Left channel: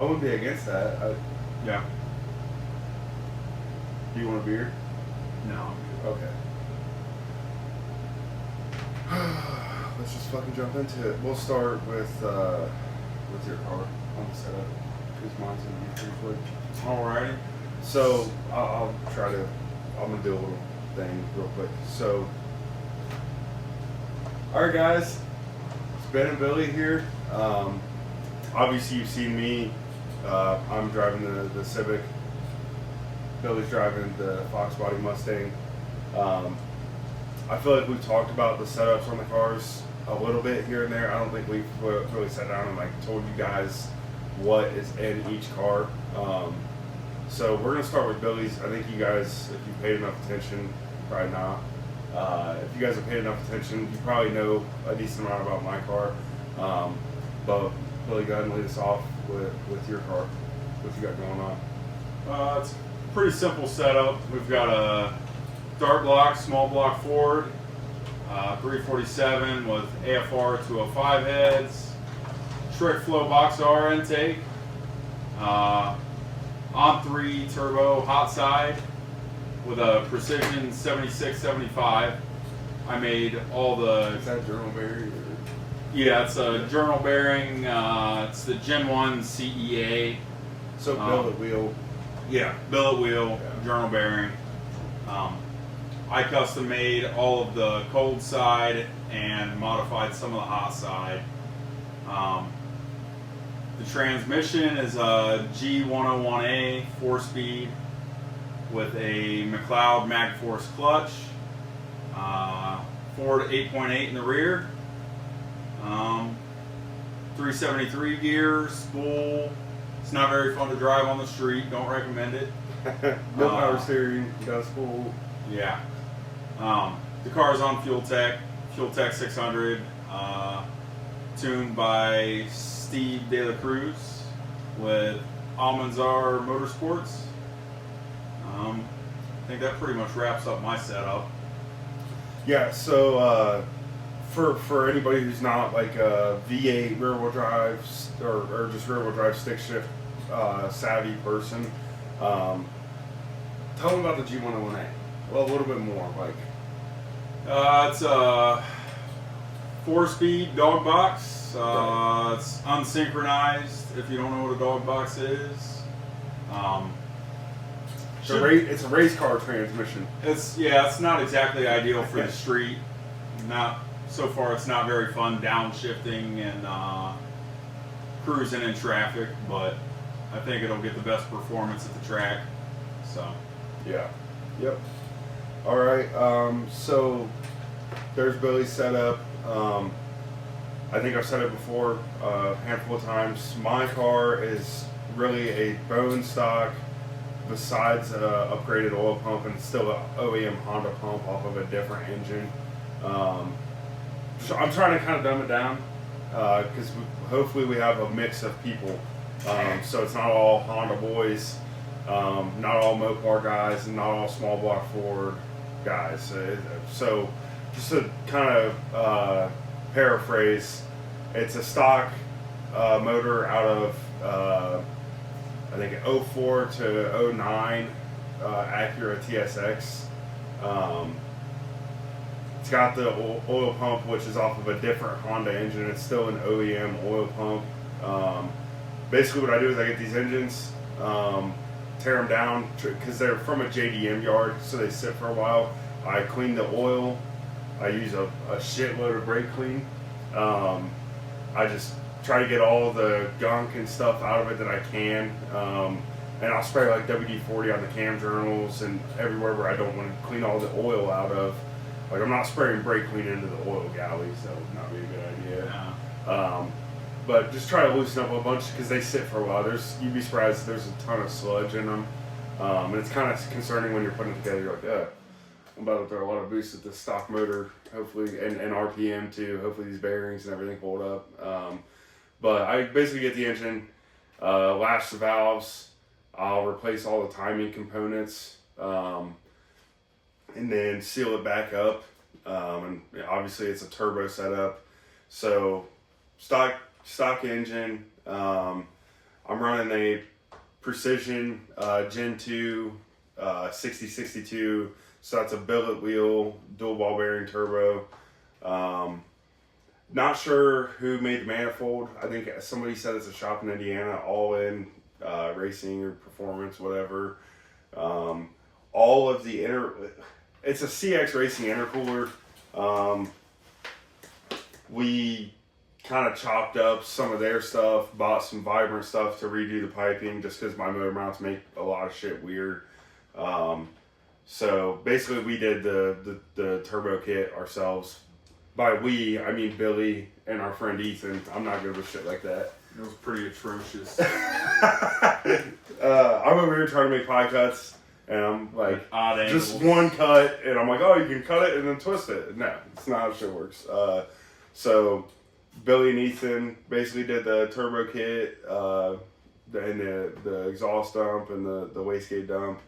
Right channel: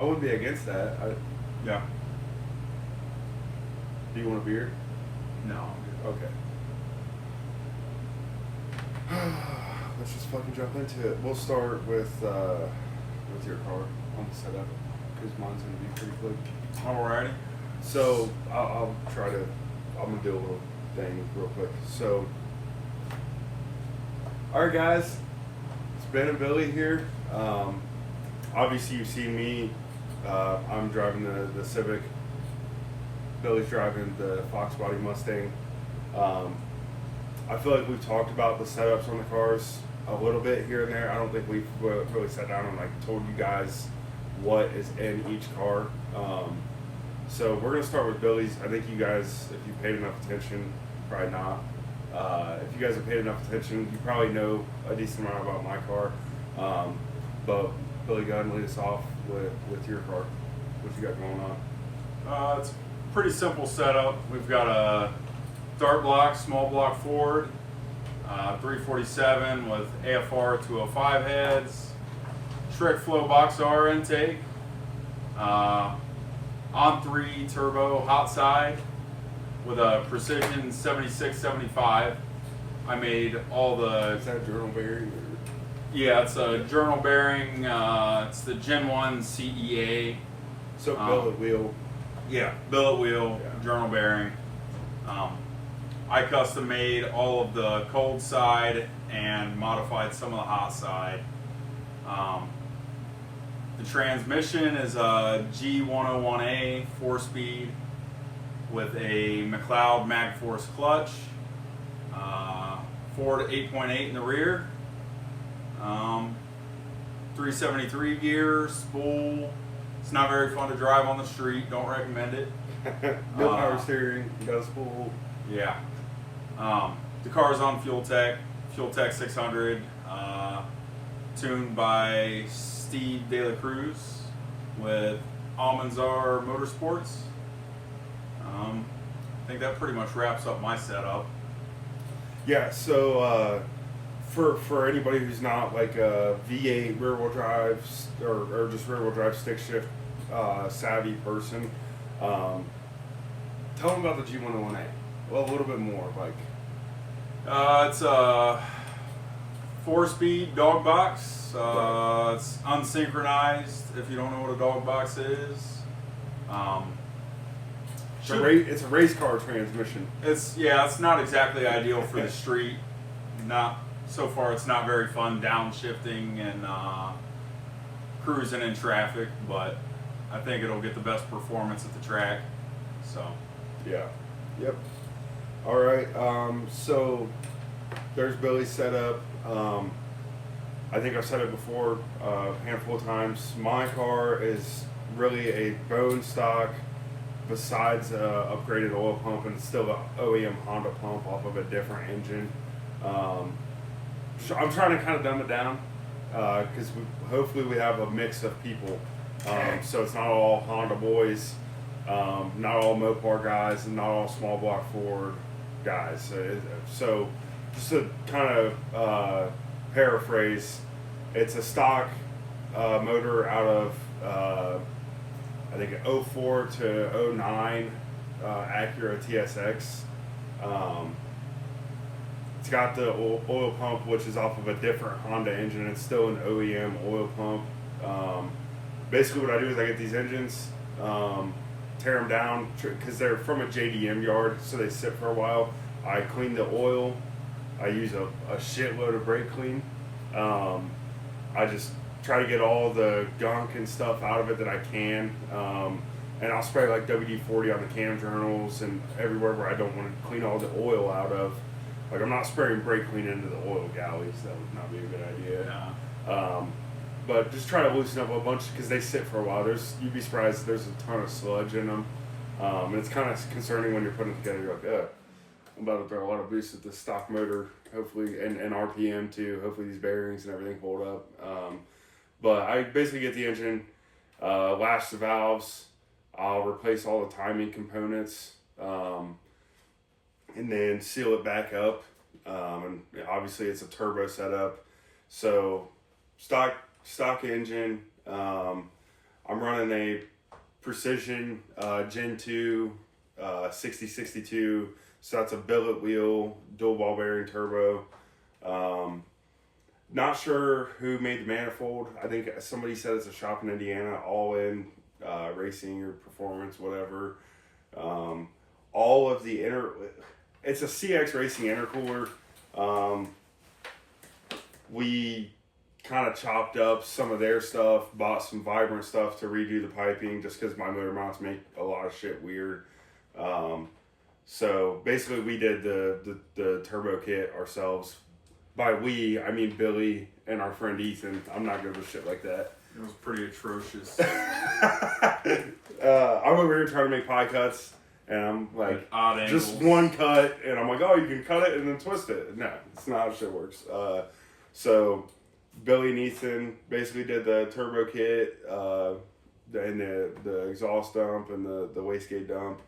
I wouldn't be against that. Yeah. Do you want a beer? No. Okay. Let's just fucking jump into it. We'll start with your car on the setup because mine's gonna be pretty quick. Alrighty. So I'll try to. I'm gonna do a little thing real quick. So, all right, guys. It's Ben and Billy here. Obviously, you've seen me. I'm driving the Civic. Billy's driving the Fox Body Mustang. I feel like we've talked about the setups on the cars a little bit here and there. I don't think we've really sat down and like told you guys what is in each car. So we're gonna start with Billy's. I think you guys, if you paid enough attention, probably not. If you guys have paid enough attention, you probably know a decent amount about my car. But Billy, go ahead and lead us off with your car. What you got going on? It's a pretty simple setup. We've got a dart block, small block Ford, 347 with AFR 205 heads, Trick Flow Box R intake, on 3 turbo hot side with a Precision 7675. I made all the. Is that journal bearing? Yeah, it's a journal bearing. It's the Gen 1 CEA. So billet wheel. Yeah, billet wheel, Yeah. journal bearing. I custom made all of the cold side and modified some of the hot side. The transmission is a G101A 4-speed with a McLeod MagForce clutch. Ford 8.8 in the rear. 373 gear, spool. It's not very fun to drive on the street. Don't recommend it. No power steering. Does full. Yeah. The car's on Fuel Tech 600, tuned by Steve De La Cruz with Almanzar Motorsports. I think that pretty much wraps up my setup. Yeah. So for anybody who's not like a V8 rear wheel drive or just rear wheel drive stick shift savvy person, tell them about the G101A. Well, a little bit more like. It's a 4-speed dog box. It's unsynchronized. If you don't know what a dog box is, It's a race car transmission. It's not exactly ideal for the street. Not so far. It's not very fun downshifting and cruising in traffic, but I think it'll get the best performance at the track. So Yeah. Yep. All right. So there's Billy's setup. I think I've said it before a handful of times. My car is really a bone stock, besides upgraded oil pump, and still an OEM Honda pump off of a different engine. So I'm trying to kind of dumb it down because hopefully we have a mix of people. So it's not all Honda boys, not all Mopar guys, and not all small block Ford guys. So just to kind of paraphrase, it's a stock motor out of I think 04 to 09 Acura TSX. It's got the oil pump, which is off of a different Honda engine. It's still an OEM oil pump. Basically what I do is I get these engines, tear them down because they're from a JDM yard, so they sit for a while. I clean the oil. I use a shitload of brake clean. I just try to get all the gunk and stuff out of it that I can. And I'll spray like WD-40 on the cam journals and everywhere where I don't want to clean all the oil out of. Like I'm not spraying brake clean into the oil galley, so that would not be a good idea. yeah. But just try to loosen up a bunch because they sit for a while. You'd be surprised there's a ton of sludge in them. And it's kind of concerning when you're putting it together. You're like, I'm about to throw a lot of boost at the stock motor, hopefully, and RPM too. Hopefully these bearings and everything hold up. But I basically get the engine, lash the valves. I'll replace all the timing components, and then seal it back up. And obviously it's a turbo setup, so stock engine. I'm running a Precision Gen 2 6062. So that's a billet wheel, dual ball bearing turbo. Not sure who made the manifold. I think somebody said it's a shop in Indiana, All In Racing or Performance, whatever. All of the it's a CX Racing intercooler. We kind of chopped up some of their stuff, bought some Vibrant stuff to redo the piping just because my motor mounts make a lot of shit weird. So basically we did the turbo kit ourselves. By we, I mean Billy and our friend Ethan. I'm not good with shit like that. It was pretty atrocious. I'm over here trying to make pie cuts, and I'm like, odd just angles. one cut, and I'm like, oh, you can cut it and then twist it. No, it's not how shit works. So Billy and Ethan basically did the turbo kit, and the exhaust dump and the wastegate dump.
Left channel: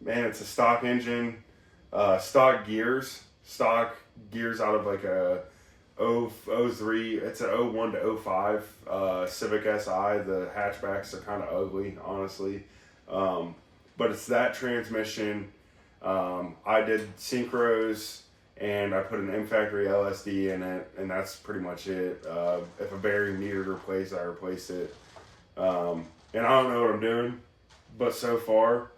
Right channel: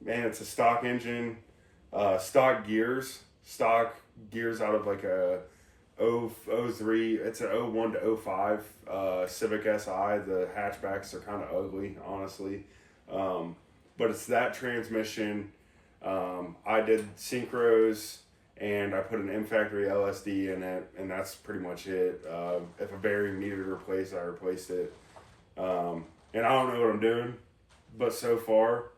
Man, it's a stock engine, stock gears out of like a 03. It's an 01 to 05 Civic Si. The hatchbacks are kind of ugly, honestly, but it's that transmission. I did synchros, and I put an M Factory LSD in it, and that's pretty much it. If a bearing needed replaced, I replaced it. And I don't know what I'm doing, but so far,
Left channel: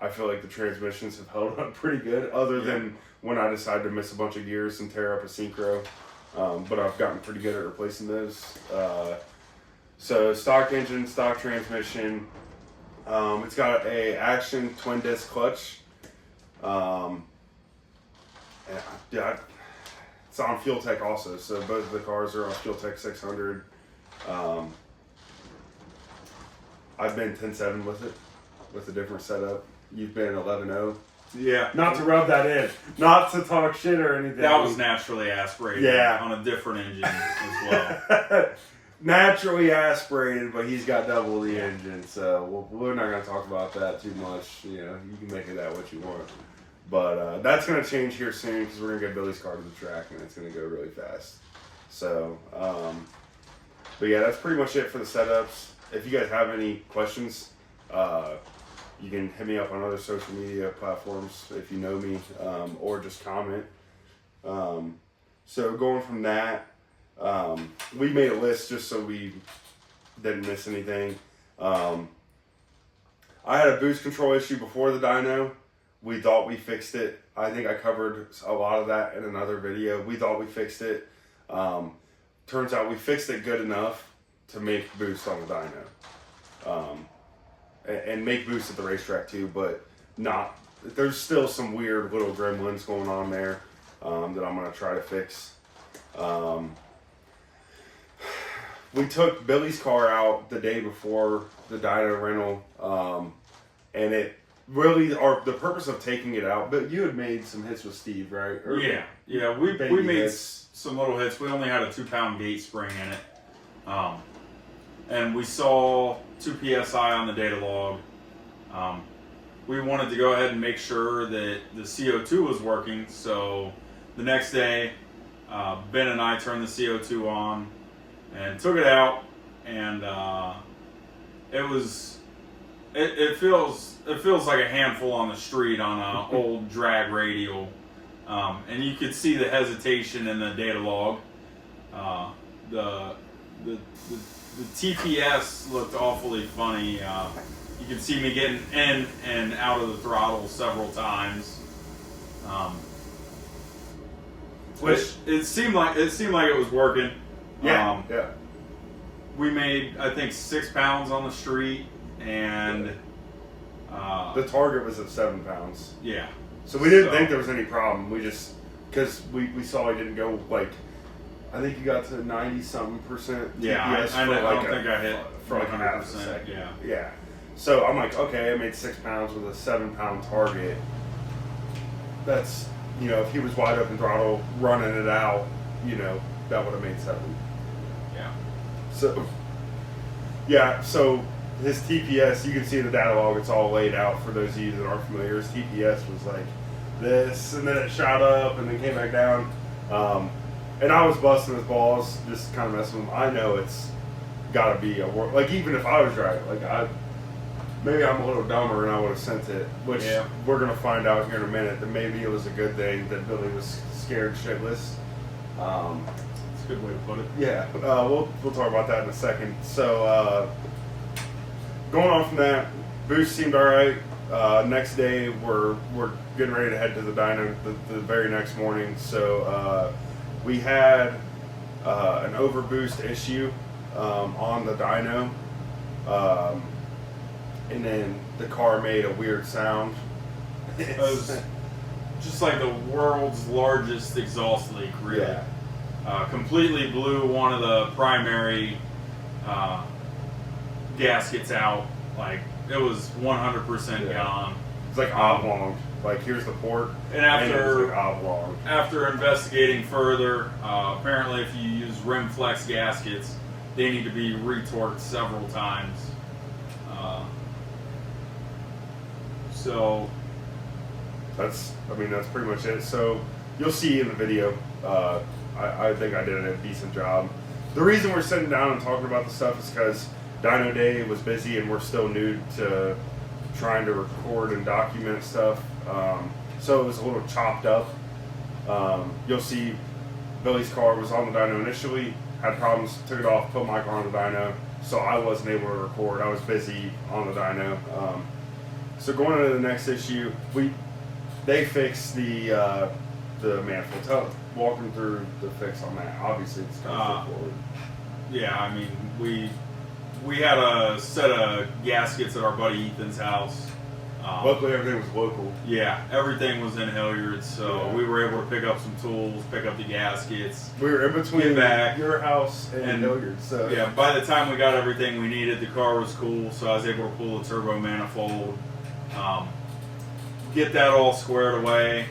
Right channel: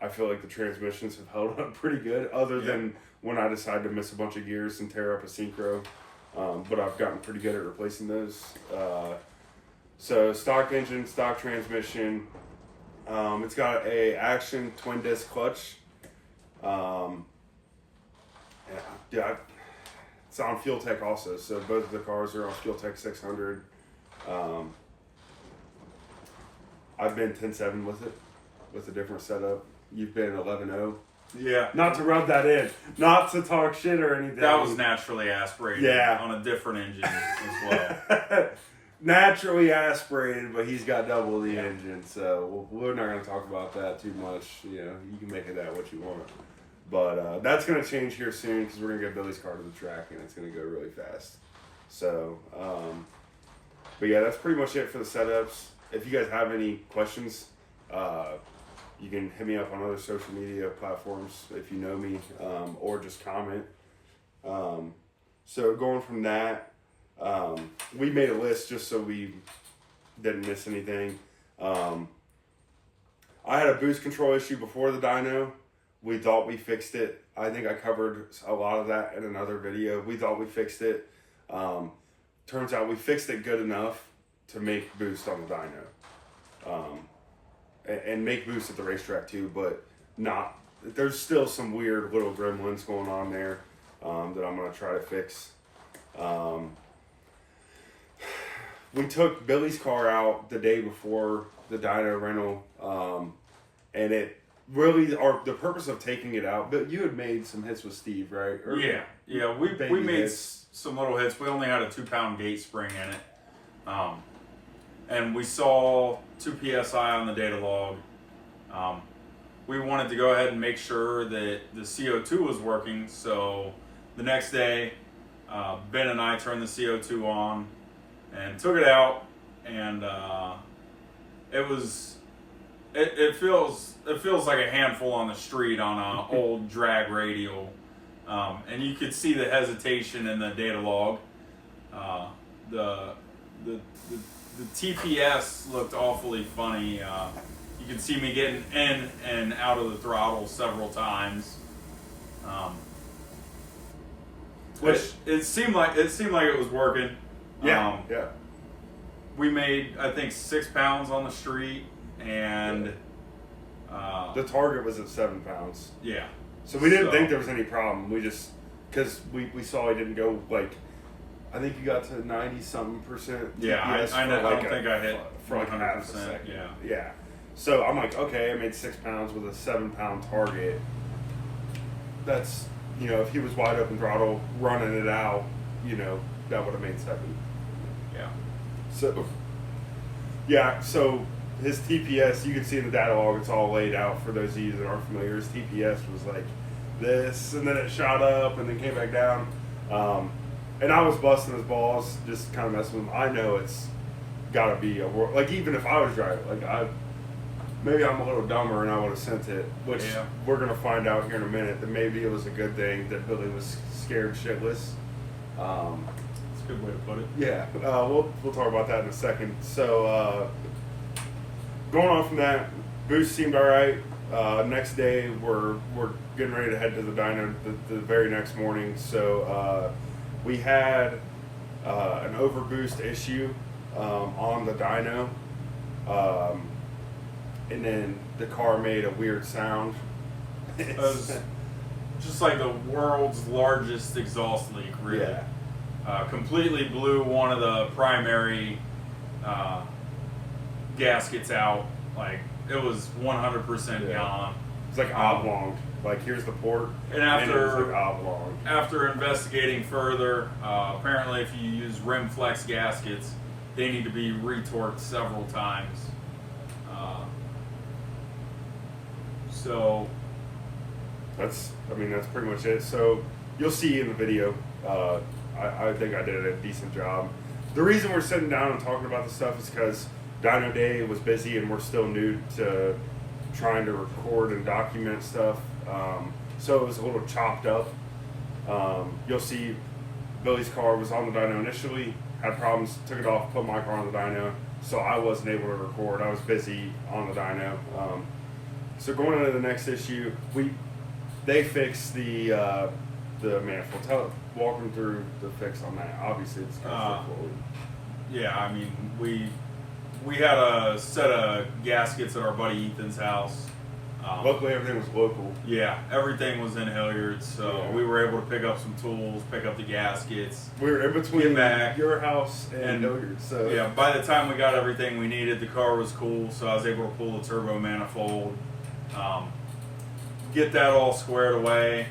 I feel like the transmissions have held up pretty good, other than when I decided to miss a bunch of gears and tear up a synchro. But I've gotten pretty good at replacing those. So stock engine, stock transmission. It's got a Action twin disc clutch. Yeah, it's on Fuel Tech also. So both of the cars are on Fuel Tech 600. I've been 10.7 with it, with a different setup. You've been 11.0. Yeah. Not to rub that in. Not to talk shit or anything. That was naturally aspirated on a different engine as well. Naturally aspirated, but he's got double the engine, so we're not going to talk about that too much. You know, you can make of that what you want. But that's going to change here soon because we're going to get Billy's car to the track, and it's going to go really fast. So, but yeah, that's pretty much it for the setups. If you guys have any questions, you can hit me up on other social media platforms if you know me, or just comment. So going from that, we made a list just so we didn't miss anything. I had a boost control issue before the dyno. We thought we fixed it. I think I covered a lot of that in another video. We thought we fixed it. Turns out we fixed it good enough to make boost on the dyno. And make boost at the racetrack too, but not. There's still some weird little gremlins going on there that I'm gonna try to fix. We took Billy's car out the day before the dyno rental, and it really, the purpose of taking it out. But you had made some hits with Steve, right? Or yeah. We made some little hits. We only had a 2-pound gate spring in it. And we saw 2 PSI on the data log. We wanted to go ahead and make sure that the CO2 was working. So the next day, Ben and I turned the CO2 on and took it out, and it feels like a handful on the street on an old drag radial, and you could see the hesitation in the data log. The TPS looked awfully funny. You could see me getting in and out of the throttle several times. Which it seemed like it was working. Yeah. We made, I think, 6 pounds on the street, and the target was at 7 pounds. Yeah. So we didn't think there was any problem. We just, because we saw he didn't go like, I think you got to 90-something%. Yeah, I don't think I hit for like 100%. Yeah. So I'm like, okay, I made 6 pounds with a 7-pound target. That's, if he was wide open throttle running it out, that would have made 7. Yeah. So his TPS, you can see in the data log, it's all laid out for those of you that aren't familiar. His TPS was like this, and then it shot up and then came back down. and I was busting his balls, just kind of messing with him. I know it's got to be like, even if I was driving, like maybe I'm a little dumber and I would have sent it, which we're gonna find out here in a minute that maybe it was a good thing that Billy was scared shitless. That's a good way to put it. Yeah, we'll talk about that in a second. So going on from that, boost seemed all right. Next day, we're getting ready to head to the dyno the very next morning. So we had an overboost issue on the dyno, and then the car made a weird sound. It was just like the world's largest exhaust leak, really. Yeah. Completely blew one of the primary gaskets out. Like, it was 100% gone. It's like oblong. Like, here's the port. And after, it was like oblong. After investigating further, apparently if you use rim flex gaskets, they need to be retorqued several times. So that's pretty much it. So you'll see in the video, I think I did a decent job. The reason we're sitting down and talking about this stuff is because Dyno Day was busy and we're still new to trying to record and document stuff. So it was a little chopped up. You'll see Billy's car was on the dyno initially, had problems, took it off, put my car on the dyno, so I wasn't able to record. I was busy on the dyno. So going into the next issue, they fixed the manifold. Walk them through the fix on that. Obviously, it's kind of straightforward. Yeah, I mean, we had a set of gaskets at our buddy Ethan's house. Luckily, everything was local. Yeah, everything was in Hilliard, so we were able to pick up some tools, pick up the gaskets. We were in between back, your house and Hilliard, so yeah. By the time we got everything we needed, the car was cool, so I was able to pull the turbo manifold, get that all squared away,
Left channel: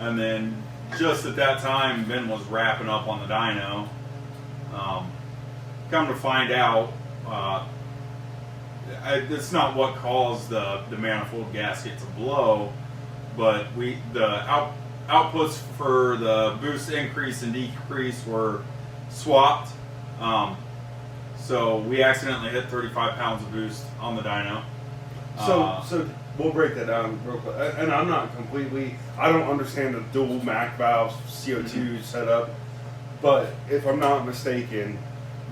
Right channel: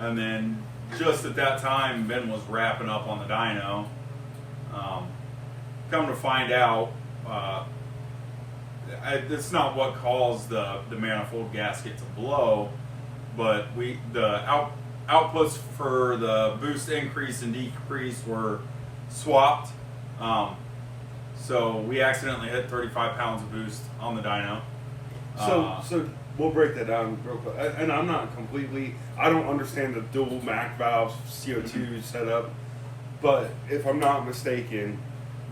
and then just at that time, Ben was wrapping up on the dyno. Come to find out, it's not what caused the manifold gasket to blow, but the outputs for the boost increase and decrease were swapped. So we accidentally hit 35 pounds of boost on the dyno. So we'll break that down real quick. And I don't understand the dual MAC valves CO2 setup, but if I'm not mistaken,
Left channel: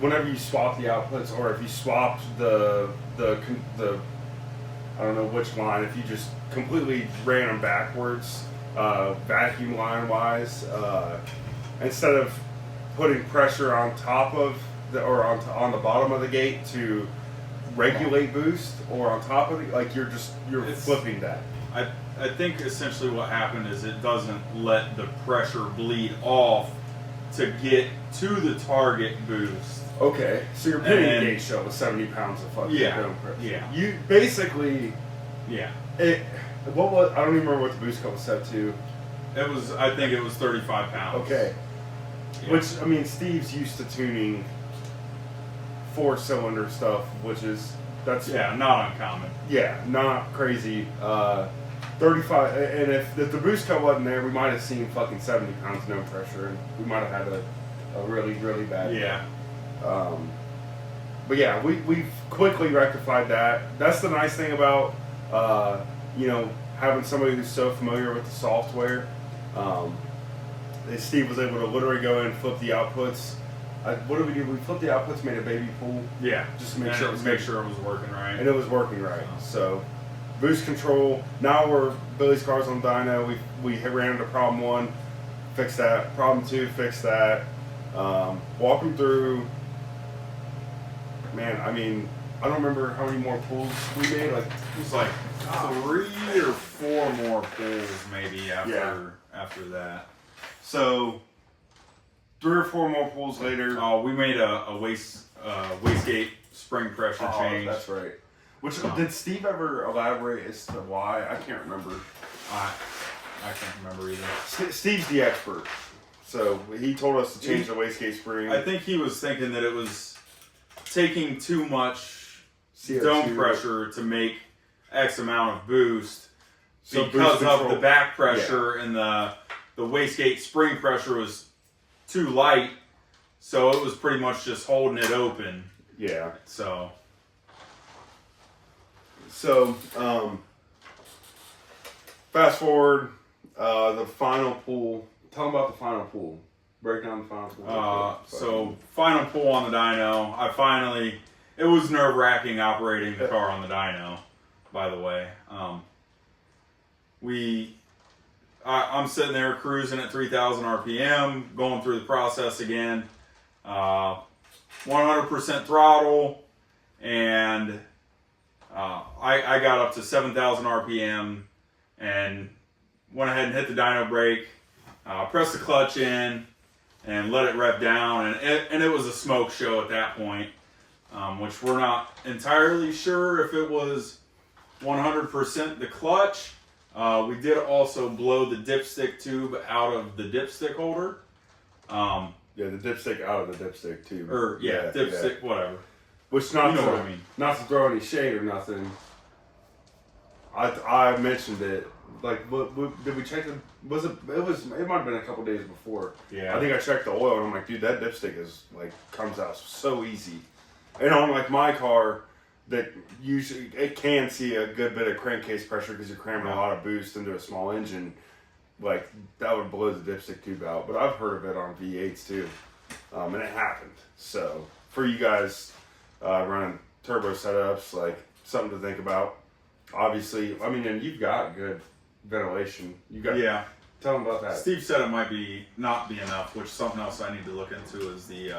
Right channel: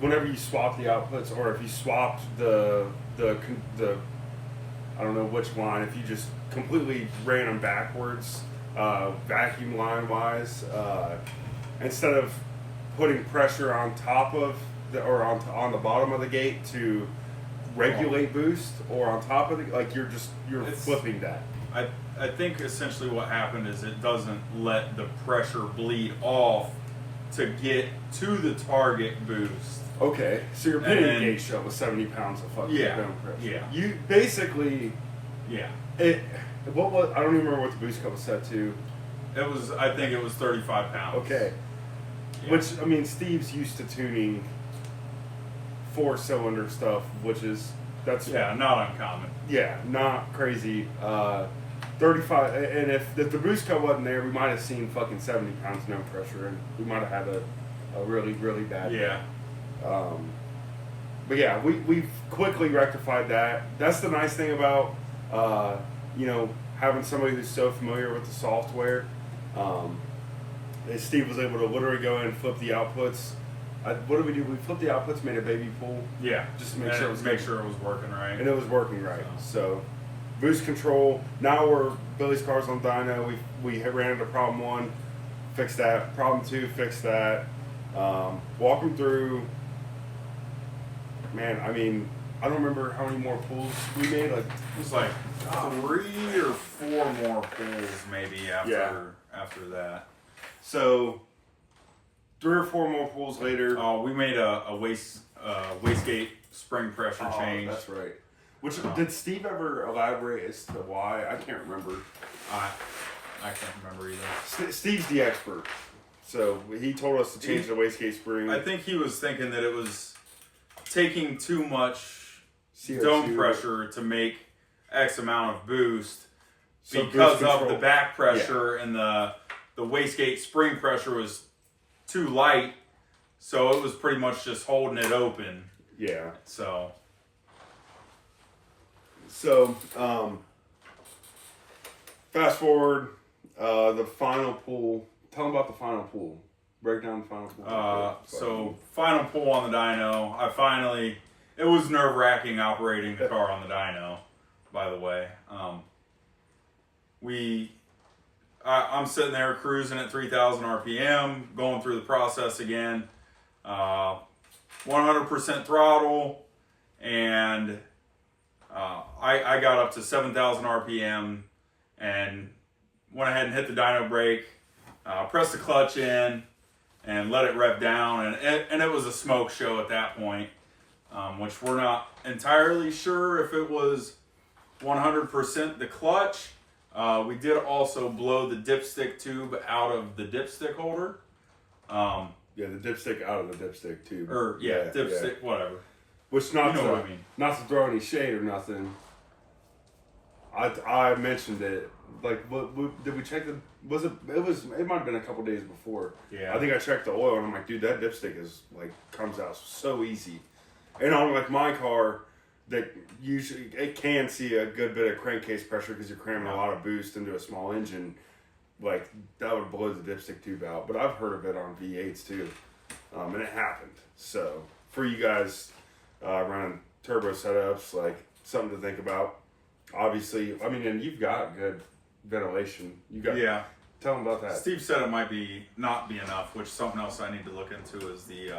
whenever you swap the outputs, or if you swapped the I don't know which line, if you just completely ran them backwards, vacuum line wise, instead of putting pressure on top of on the bottom of the gate to regulate boost, or on top of the, like you're flipping that. I think essentially what happened is it doesn't let the pressure bleed off to get to the target boost. Okay, so you're putting a gate shell with 70 pounds of fucking dome pressure. Yeah. You basically. Yeah. What was? I don't even remember what the boost cut was set to. I think it was 35 pounds. Okay. Yeah. Which, I mean, Steve's used to tuning 4-cylinder stuff, that's not uncommon. Yeah, not crazy. 35, and if the boost cut wasn't there, we might have seen fucking 70 pounds no pressure, and we might have had a really, really bad day. But yeah, we quickly rectified that. That's the nice thing about having somebody who's so familiar with the software. Steve was able to literally go in and flip the outputs. What did we do? We flipped the outputs, made a baby pool. Yeah, just to make sure it was working right. And it was working right. So boost control. Now Billy's car's on dyno. We ran into problem 1, fixed that. Problem 2, fixed that. Walk them through. Man, I mean, I don't remember how many more pulls we made. Like, it was like 3 or 4 more pulls maybe after that. So 3 or 4 more pulls later. We made a wastegate spring pressure change. That's right. Which did Steve ever elaborate as to why? I can't remember. I can't remember either. Steve's the expert, so he told us to change the wastegate spring. I think he was thinking that it was taking too much CO2 dome pressure to make X amount of boost, so because of the back pressure and the wastegate spring pressure was too light, so it was pretty much just holding it open. Yeah. So fast forward, the final pull. Tell them about the final pull. Break down the final pull. So final pull on the dyno. It was nerve wracking operating the car on the dyno, by the way. I'm sitting there cruising at 3,000 RPM, going through the process again, 100% throttle, and I got up to 7,000 RPM and went ahead and hit the dyno brake, pressed the clutch in, and let it rev down, and it was a smoke show at that point, which we're not entirely sure if it was 100% the clutch. We did also blow the dipstick tube out of the dipstick holder. Yeah, the dipstick out of the dipstick tube. Or dipstick, whatever. Which what I mean. Not to throw any shade or nothing. I mentioned it. Like, did we check the? It might have been a couple days before. Yeah. I think I checked the oil and I'm like, dude, that dipstick is like comes out so easy. And on like my car, that usually it can see a good bit of crankcase pressure because you're cramming a lot of boost into a small engine. Like that would blow the dipstick tube out. But I've heard of it on V8s too, and it happened. So for you guys running turbo setups, like something to think about. Obviously, I mean, and you've got good ventilation. Tell them about that. Steve said it might not be enough, which something else I need to look into is the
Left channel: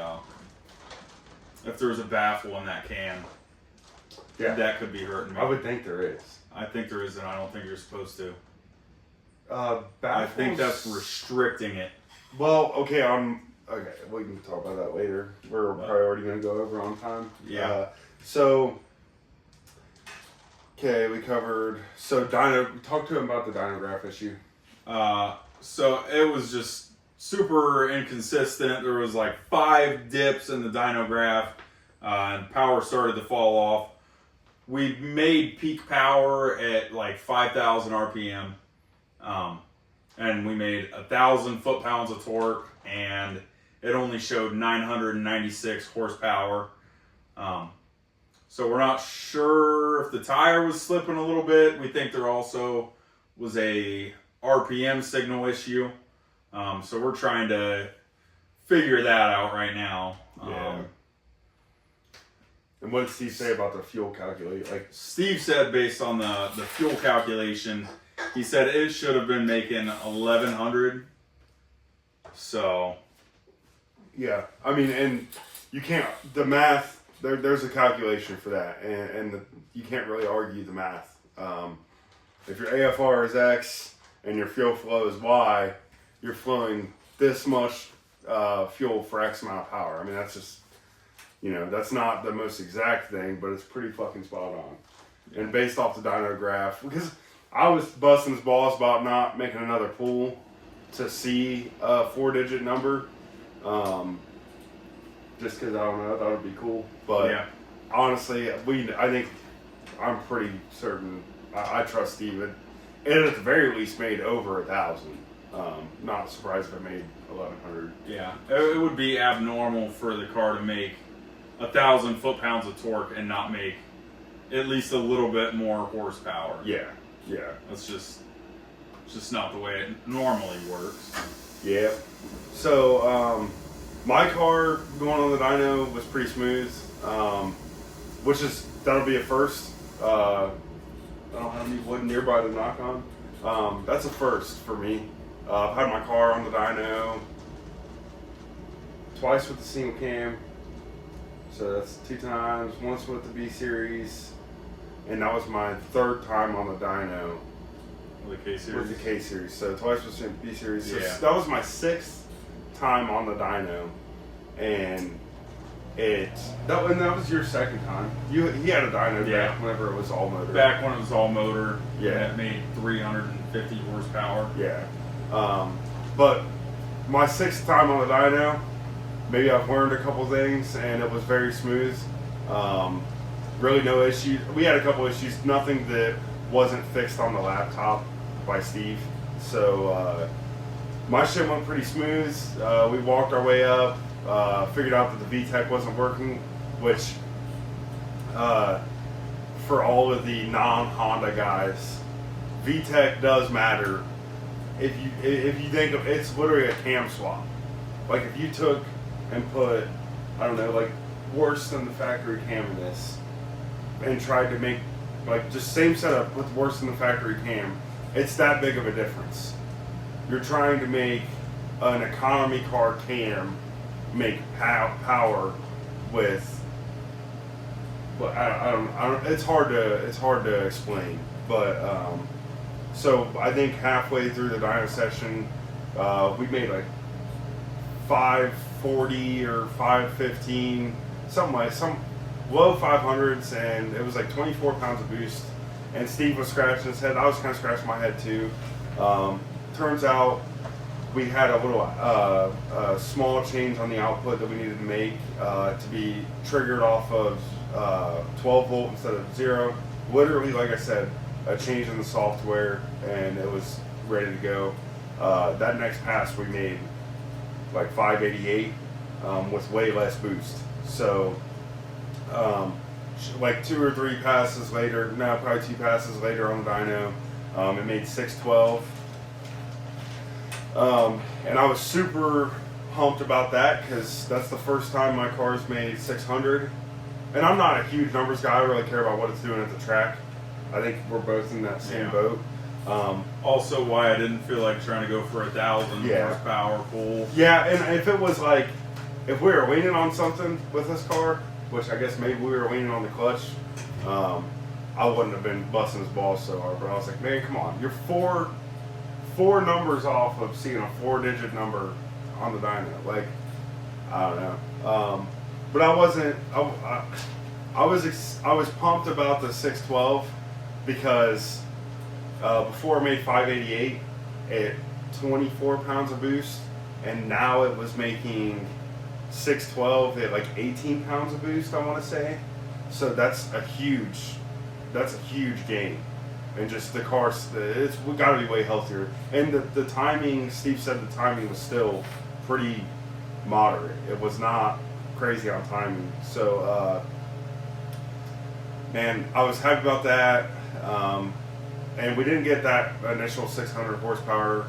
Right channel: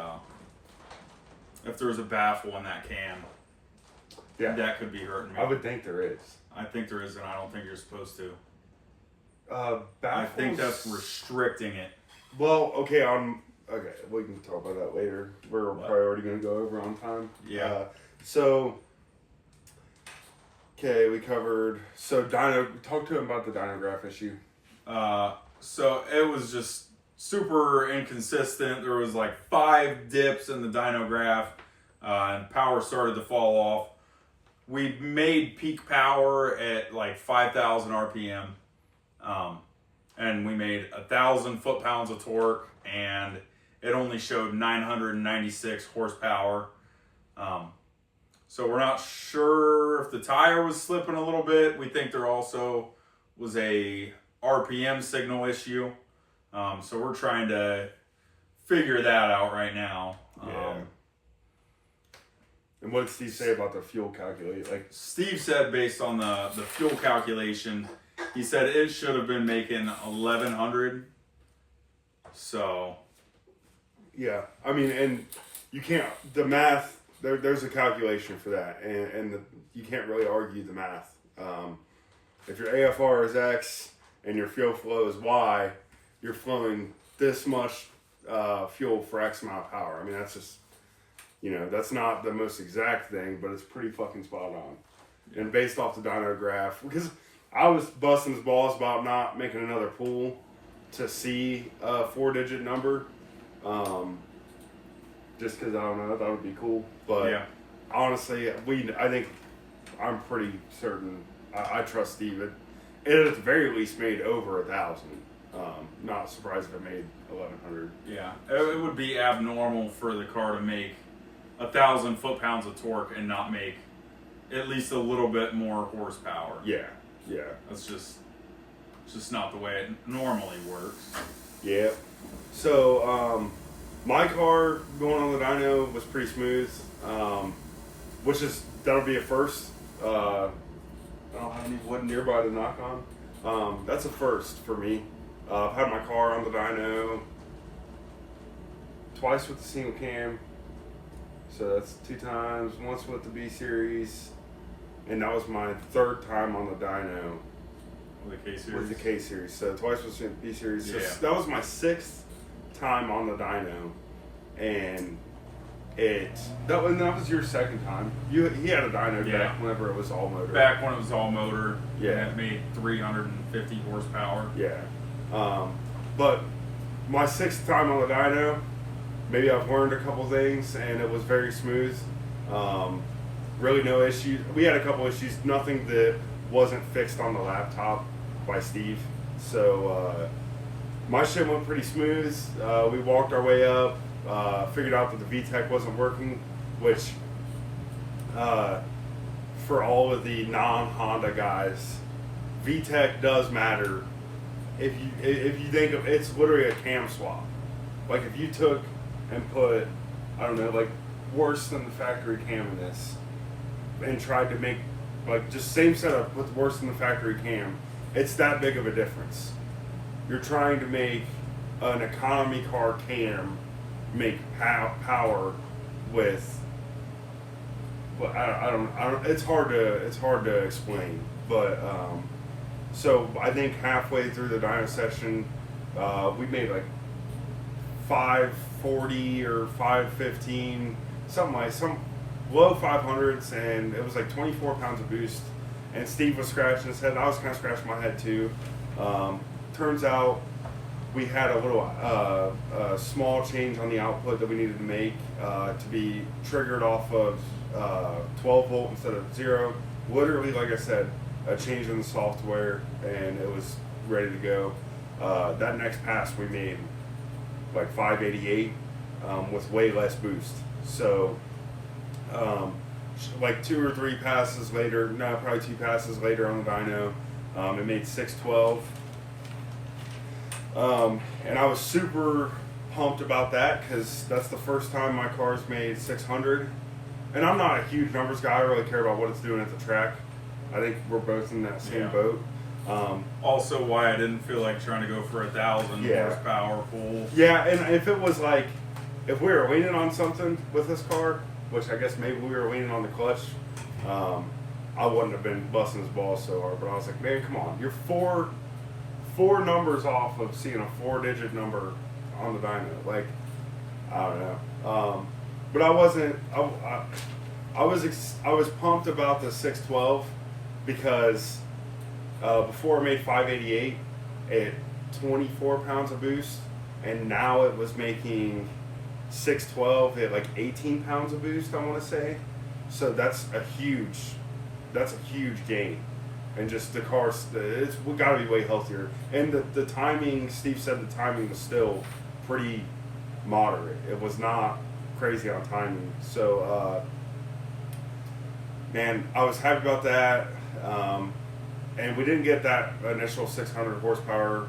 if there's a baffle in that can. Yeah, that could be hurting me. I would think there is. I think there is, and I don't think you're supposed to. I think that's restricting it. Well, okay, we can talk about that later. We're probably already going to go over on time. Yeah. Okay, we covered. So dyno. Talk to him about the dynograph issue. So it was just super inconsistent. There was like 5 dips in the dynograph, and power started to fall off. We made peak power at like 5,000 RPM, and we made 1,000 foot-pounds of torque, and it only showed 996 horsepower. So we're not sure if the tire was slipping a little bit. We think there also was a RPM signal issue. So we're trying to figure that out right now. Yeah. And what did Steve say about the fuel calculation? Like Steve said, based on the fuel calculation, he said it should have been making 1,100. So. Yeah. I mean, and you can't, the math, there's a calculation for that, and you can't really argue the math. If your AFR is X and your fuel flow is Y, you're flowing this much fuel for X amount of power. I mean, that's just, that's not the most exact thing, but it's pretty fucking spot on. Yeah. And based off the dyno graph, because I was busting his balls about not making another pull to see a 4-digit number. Just because I don't know, I thought it would be cool. But yeah. Honestly, I'm pretty certain. I trust Steve. It at the very least made over 1,000. Not surprised if it made 1,100. Yeah, it would be abnormal for the car to make 1,000 foot-pounds of torque and not make at least a little bit more horsepower. Yeah. That's just not the way it normally works. Yeah. So, my car going on the dyno was pretty smooth, that'll be a first. I don't have any wood nearby to knock on. That's a first for me. I've had my car on the dyno twice with the single cam, so that's 2 times. Once with the B series, and that was my 3rd time on the dyno with the K series. With the K series, so twice with the B series. So yeah. That was my 6th time on the dyno, and that was your 2nd time. He had a dyno back whenever it was all motor. Back when it was all motor. Yeah. And it made 350 horsepower. Yeah. But my 6th time on the dyno, maybe I've learned a couple things, and it was very smooth. Really no issues. We had a couple issues, nothing that wasn't fixed on the laptop by Steve. So my shit went pretty smooth. We walked our way up, figured out that the VTEC wasn't working, which for all of the non-Honda guys, VTEC does matter. If you think of it's literally a cam swap. Like if you took and put, I don't know, like worse than the factory cam in this, and tried to make like just same setup with worse than the factory cam, it's that big of a difference. You're trying to make an economy car cam make power with, but I don't. It's hard to explain. But so I think halfway through the dyno session, we made like 540 or 515, something like some low 500s, and it was like 24 pounds of boost. And Steve was scratching his head. I was kind of scratching my head too. Turns out we had a little small change on the output that we needed to make to be triggered off of 12 volt instead of 0. Literally, like I said, a change in the software, and it was ready to go. That next pass we made like 588 with way less boost. So like 2 or 3 passes later, no, probably 2 passes later on the dyno, it made 612. And I was super pumped about that because that's the first time my car's made 600. And I'm not a huge numbers guy. I really care about what it's doing at the track. I think we're both in that same boat. Also, why I didn't feel like trying to go for 1,000 horsepower full. Yeah, and if it was like, if we were leaning on something with this car, which I guess maybe we were leaning on the clutch, I wouldn't have been busting his balls so hard. But I was like, man, come on, you're four numbers off of seeing a 4-digit number on the dyno. Like, I don't know. But I wasn't. I was pumped about the 612 because before I made 588 at 24 pounds of boost, and now it was making 612 at like 18 pounds of boost, I want to say. So that's a huge gain. And just the car, it's got to be way healthier. And the timing, Steve said the timing was still pretty moderate. It was not crazy on timing. So, man, I was happy about that. And we didn't get that initial 600 horsepower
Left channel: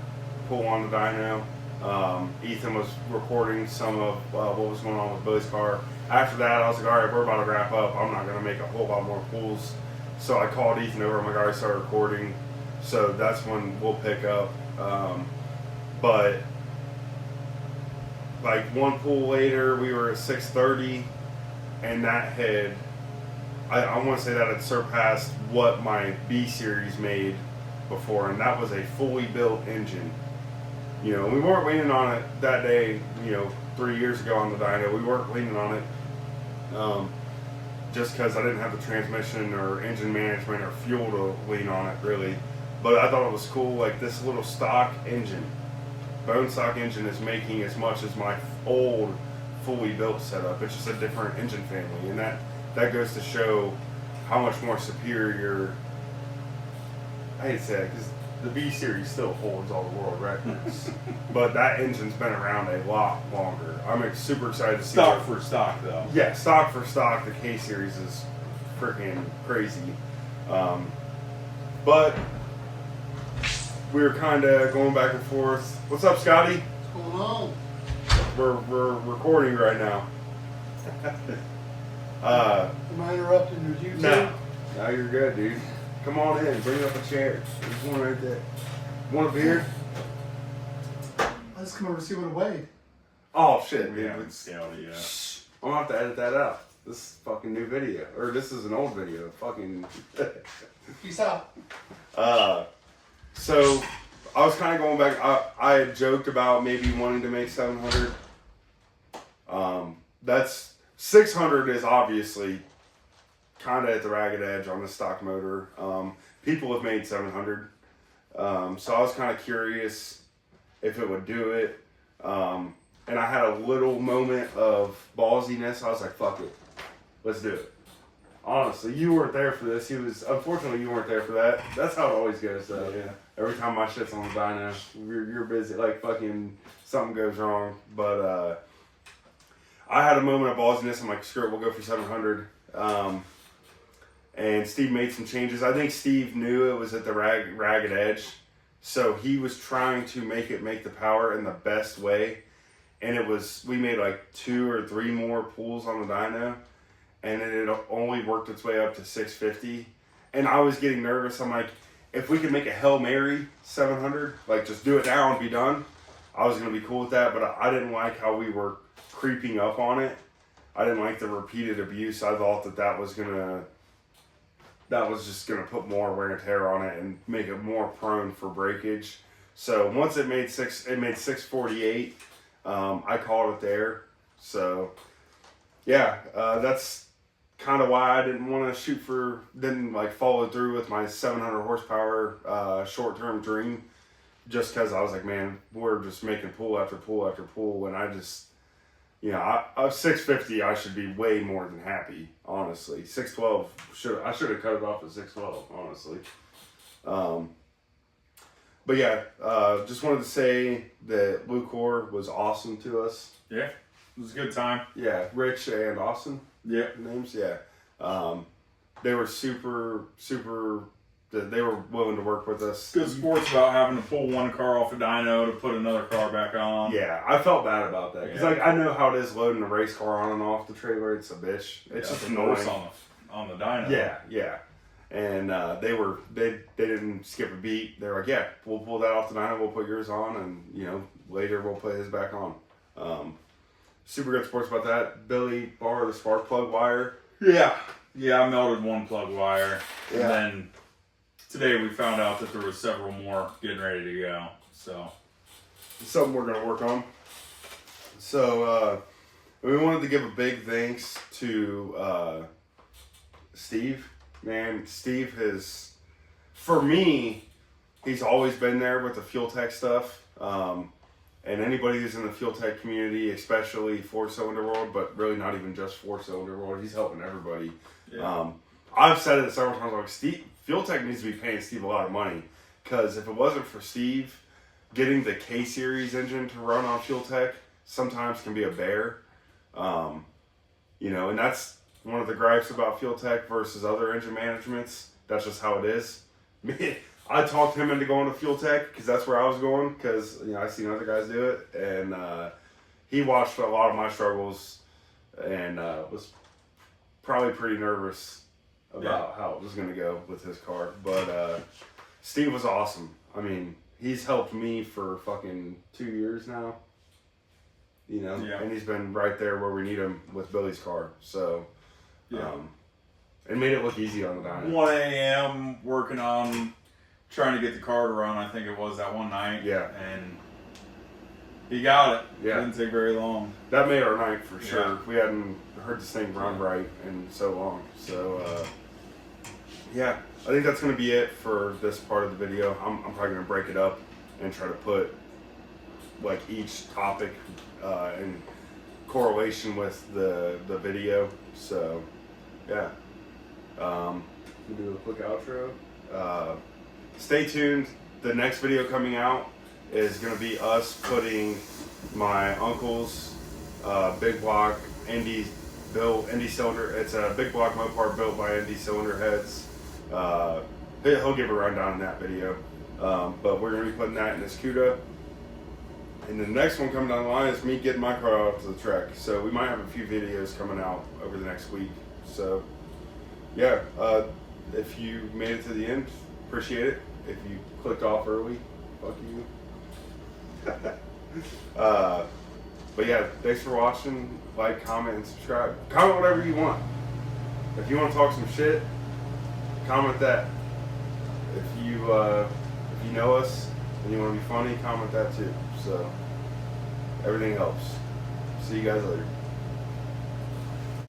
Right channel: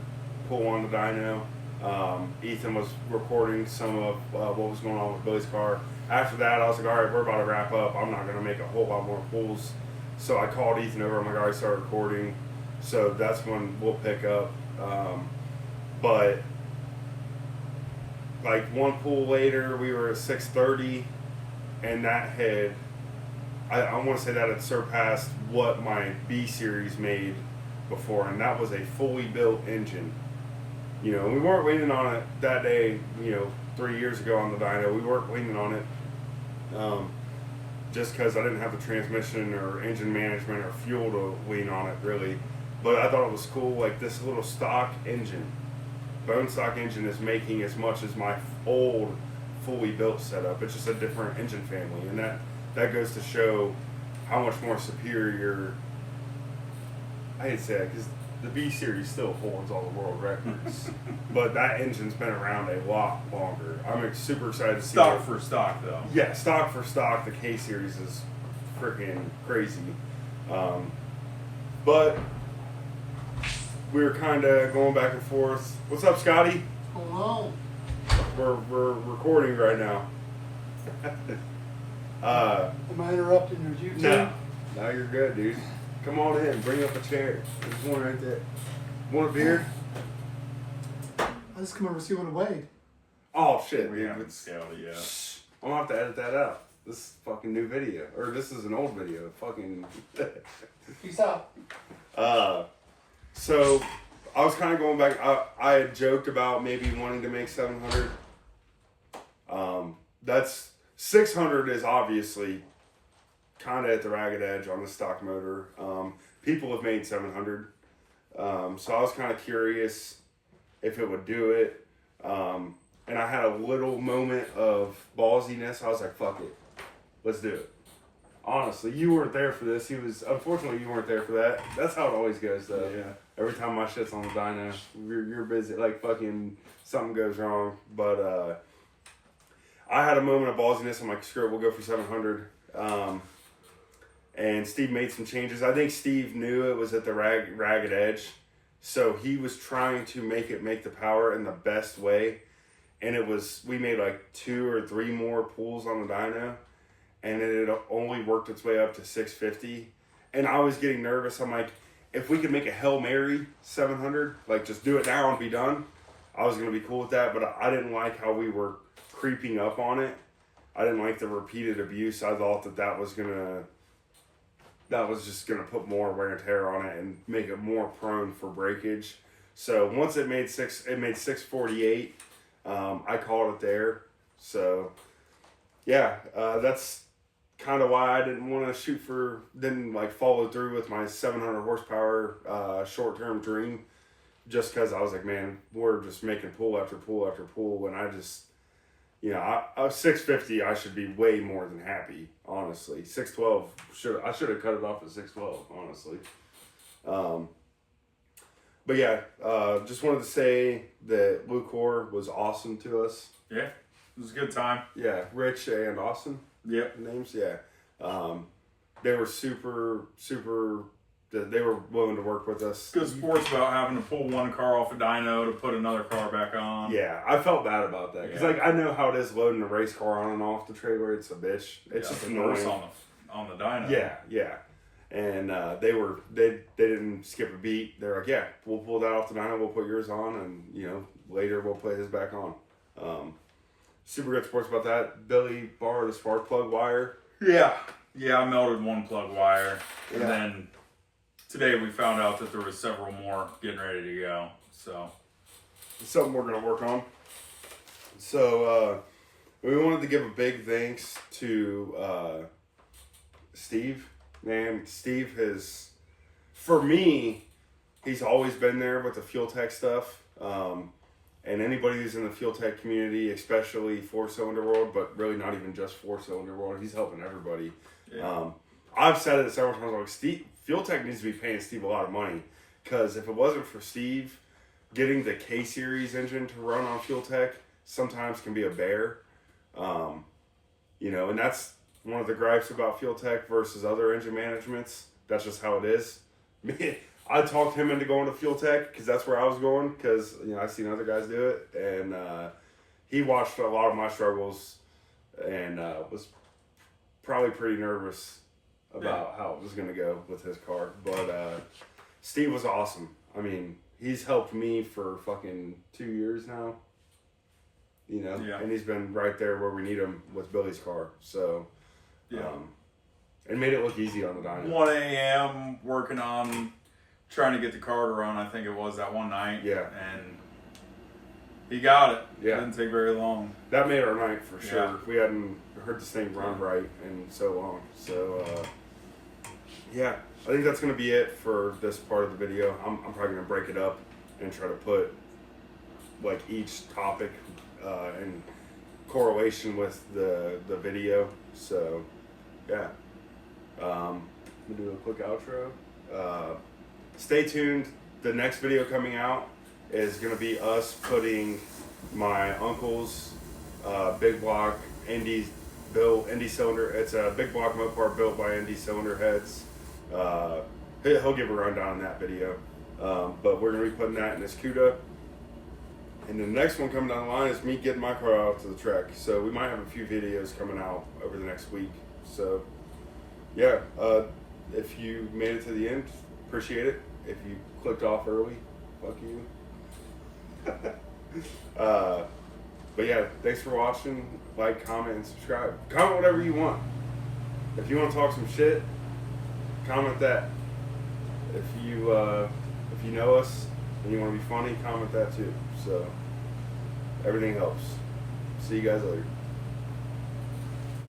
pull on the dyno. Ethan was recording some of what was going on with Billy's car. After that, I was like, all right, we're about to wrap up. I'm not going to make a whole lot more pulls. So I called Ethan over. I'm like, all right, start recording. So that's when we'll pick up. But like one pull later, we were at 630, and that had, I want to say that had surpassed what my B series made before, and that was a fully built engine. You know, we weren't leaning on it that day, 3 years ago on the dyno. We weren't leaning on it just because I didn't have the transmission or engine management or fuel to lean on it, really. But I thought it was cool, like this little stock engine, bone stock engine is making as much as my old fully built setup. It's just a different engine family, and that goes to show how much more superior. I hate to say it because the B series still holds all the world records, but that engine's been around a lot longer. I'm super excited to see stock for stock, though. Yeah, stock for stock. The K series is freaking crazy, but we were kind of going back and forth. What's up, Scotty? What's going on? We're recording right now. Am I interrupting your YouTube? No, you're good, dude. Come on in. Bring up a chair. There's one right there. Want a beer? Let's come over and see what it weighed. Oh shit, We dude. haven't scaled it yet. I'm gonna have to edit that out. This is a fucking new video, or this is an old video. Fucking. Peace out. So I was kind of going back. I had joked about maybe wanting to make 700. That's 600 is obviously kind of at the ragged edge on the stock motor. People have made 700, so I was kind of curious if it would do it. And I had a little moment of ballsiness. I was like, "Fuck it, let's do it." Honestly, you weren't there for this. Unfortunately, you weren't there for that. That's how it always goes, though. Yeah. Every time my shit's on the dyno, you're busy. Like, fucking, something goes wrong. But, I had a moment of ballsiness. I'm like, screw it, we'll go for 700. And Steve made some changes. I think Steve knew it was at the ragged edge. So he was trying to make the power in the best way. And we made like 2 or 3 more pulls on the dyno. And it only worked its way up to 650. And I was getting nervous. I'm like, if we could make a Hail Mary 700, like just do it now and be done, I was going to be cool with that. But I didn't like how we were creeping up on it. I didn't like the repeated abuse. I thought that was just going to put more wear and tear on it and make it more prone for breakage. So once it made 648, I called it there. So yeah, that's kind of why I didn't want to didn't like follow through with my 700 horsepower short-term dream, just because I was like, man, we're just making pull after pull after pull, when I just, I was 650, I should be way more than happy, honestly. 612, I should have cut it off at 612, honestly. But yeah, just wanted to say that Lucor was awesome to us. Yeah, it was a good time. Yeah, Rich and Austin. Yeah. Names, yeah. They were super, they were willing to work with us. Good sports about having to pull one car off a dyno to put another car back on. Yeah, I felt bad about that. Because, like, I know how it is loading a race car on and off the trailer. It's a bitch. It's just annoying. On the dyno. Yeah. And they didn't skip a beat. They were like, yeah, we'll pull that off the dyno, we'll put yours on, and, later we'll put his back on. Super good sports about that. Billy borrowed a spark plug wire. Yeah, I melted one plug wire. Yeah. And then today we found out that there was several more getting ready to go. So It's something we're going to work on. So, we wanted to give a big thanks to Steve. Man, Steve for me, he's always been there with the Fuel Tech stuff. And anybody who's in the Fuel Tech community, especially 4-cylinder world, but really not even just 4-cylinder world, he's helping everybody. yeah. I've said it several times, like, Steve, Fuel Tech needs to be paying Steve a lot of money, because if it wasn't for Steve, getting the K-Series engine to run on Fuel Tech sometimes can be a bear. And that's one of the gripes about Fuel Tech versus other engine managements. That's just how it is. Man, I talked him into going to Fuel Tech because that's where I was going, because I've seen other guys do it, and he watched a lot of my struggles and was probably pretty nervous about how it was going to go with his car. But Steve was awesome. I mean, he's helped me for fucking 2 years now, and he's been right there where we need him with Billy's car. So, and made it look easy on the dyno. 1 a.m. working on trying to get the car to run, I think it was that one night. Yeah. And he got it. Yeah. Didn't take very long. That made our night for sure. Yeah. We hadn't heard this thing run right in so long. So, I think that's going to be it for this part of the video. I'm probably going to break it up and try to put like each topic in correlation with the video. So, yeah. We'll do a quick outro. Stay tuned. The next video coming out is going to be us putting my uncle's big block Indy cylinder. It's a big block Mopar built by Indy cylinder heads. He'll give a rundown in that video. But we're going to be putting that in this CUDA. And the next one coming down the line is me getting my car out to the track. So we might have a few videos coming out over the next week. So, yeah. If you made it to the end, appreciate it. If you clicked off early, fuck you. But yeah, thanks for watching. Like, comment, and subscribe. Comment whatever you want. If you want to talk some shit, comment that. If you know us and you want to be funny, comment that too. So everything helps. See you guys later.